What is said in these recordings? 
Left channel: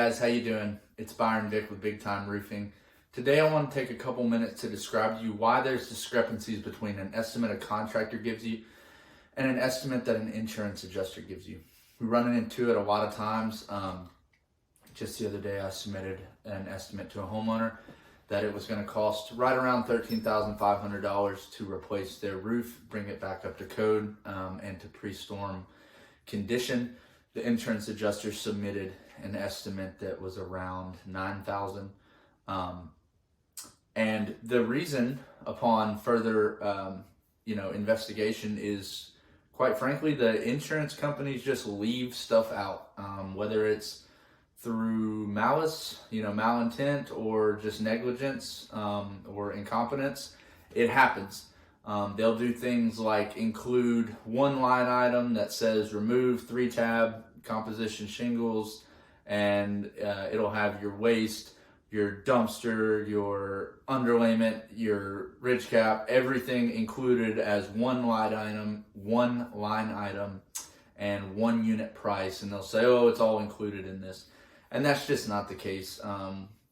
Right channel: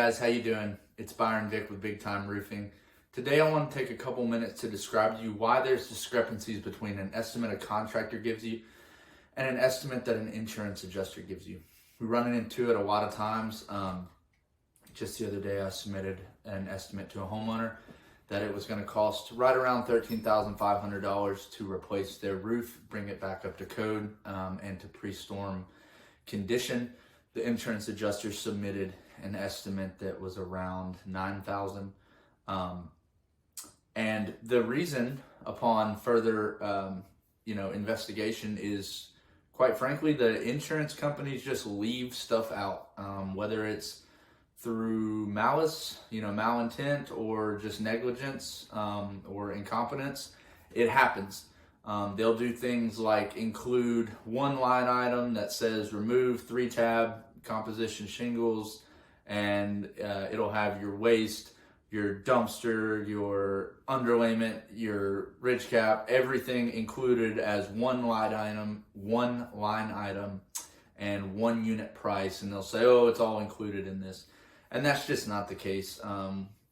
guys, how you doing? It's Byron Vick with Big Time Roofing. Today I want to take a couple minutes to describe to you why there's discrepancies between an estimate a contractor gives you and an estimate that an insurance adjuster gives you. We run into it a lot of times. Just the other day I submitted an estimate to a homeowner that it was going to cost right around $13,500 to replace their roof, bring it back up to code, and to pre-storm condition. The insurance adjuster submitted an estimate that was around $9,000. And the reason, upon further investigation, is quite frankly the insurance companies just leave stuff out, whether it's through malice, malintent, or just negligence, or incompetence. It happens. They'll do things like include one line item that says remove 3-tab composition shingles, and it'll have your waste, your dumpster, your underlayment, your ridge cap, everything included as one line item, and one unit price. And they'll say, oh, it's all included in this. And that's just not the case.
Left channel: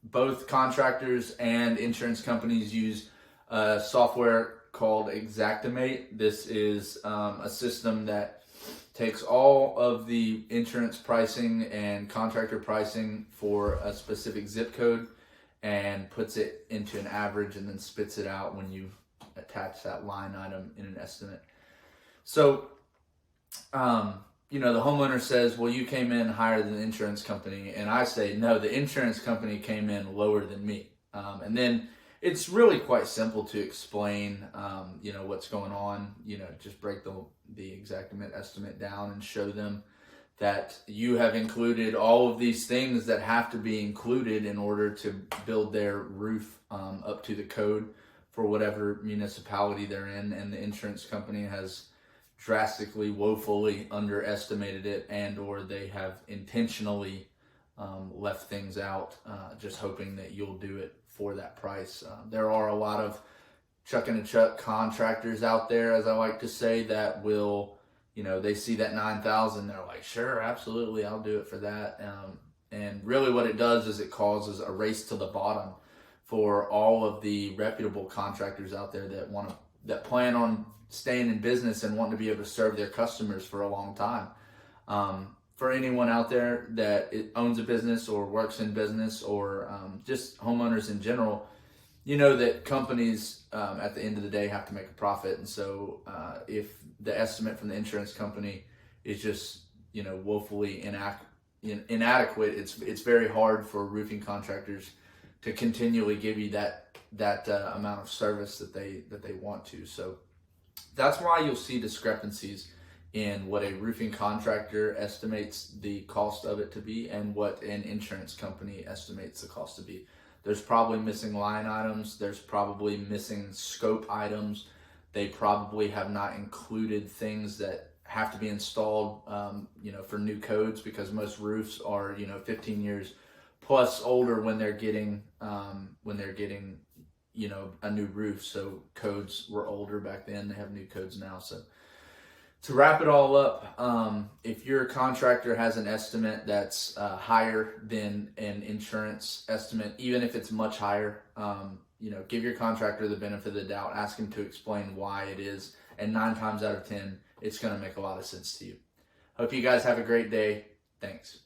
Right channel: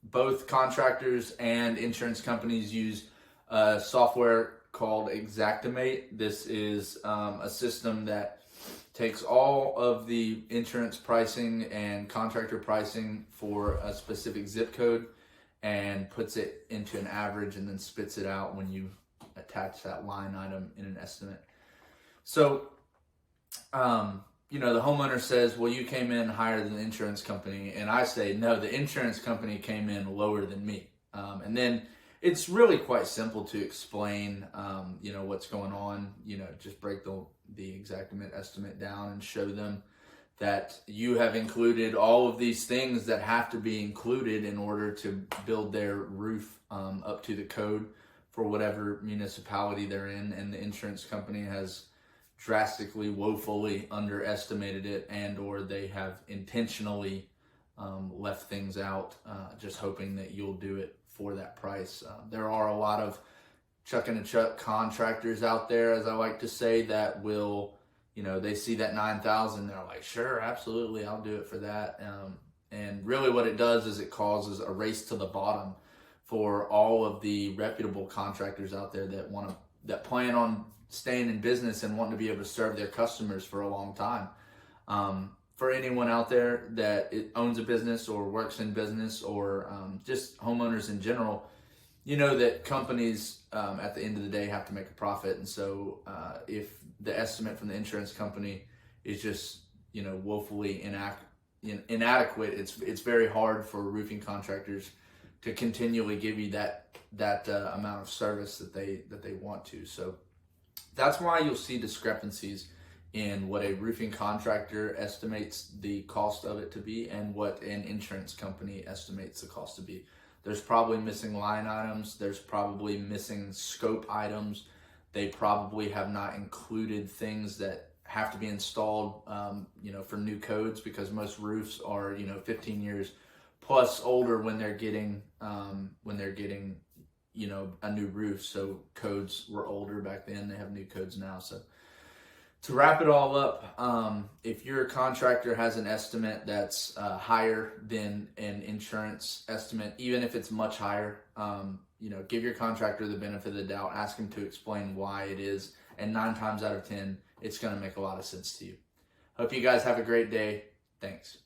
Both contractors and insurance companies use software called Xactimate. This is a system that takes all of the insurance pricing and contractor pricing for a specific zip code and puts it into an average and then spits it out when you attach that line item in an estimate. So, the homeowner says, well, you came in higher than the insurance company. And I say, no, the insurance company came in lower than me. And then it's really quite simple to explain, what's going on. Just break the Xactimate estimate down and show them that you have included all of these things that have to be included in order to build their roof up to the code for whatever municipality they're in. And the insurance company has drastically, woefully underestimated it, and or they have intentionally left things out, just hoping that you'll do it for that price. There are a lot of chuck and a chuck contractors out there, as I like to say, that will, they see that 9,000, they're like, sure, absolutely, I'll do it for that. And really what it does is it causes a race to the bottom for all of the reputable contractors out there that plan on staying in business and wanting to be able to serve their customers for a long time. For anyone out there that owns a business or works in business, or just homeowners in general, that companies at the end of the day have to make a profit. And so if the estimate from the insurance company is just woefully inadequate, it's very hard for roofing contractors to continually give you that amount of service that they want to. So that's why you'll see discrepancies in what a roofing contractor estimates the cost of it to be and what an insurance company estimates the cost to be. There's probably missing line items. There's probably missing scope items. They probably have not included things that have to be installed, for new codes, because most roofs are, 15 years plus older when they're getting, a new roof. So codes were older back then. They have new codes now. So to wrap it all up, if your contractor has an estimate that's higher than an insurance estimate, even if it's much higher, give your contractor the benefit of the doubt. Ask him to explain why it is. And 9 times out of 10, it's going to make a lot of sense to you. Hope you guys have a great day. Thanks.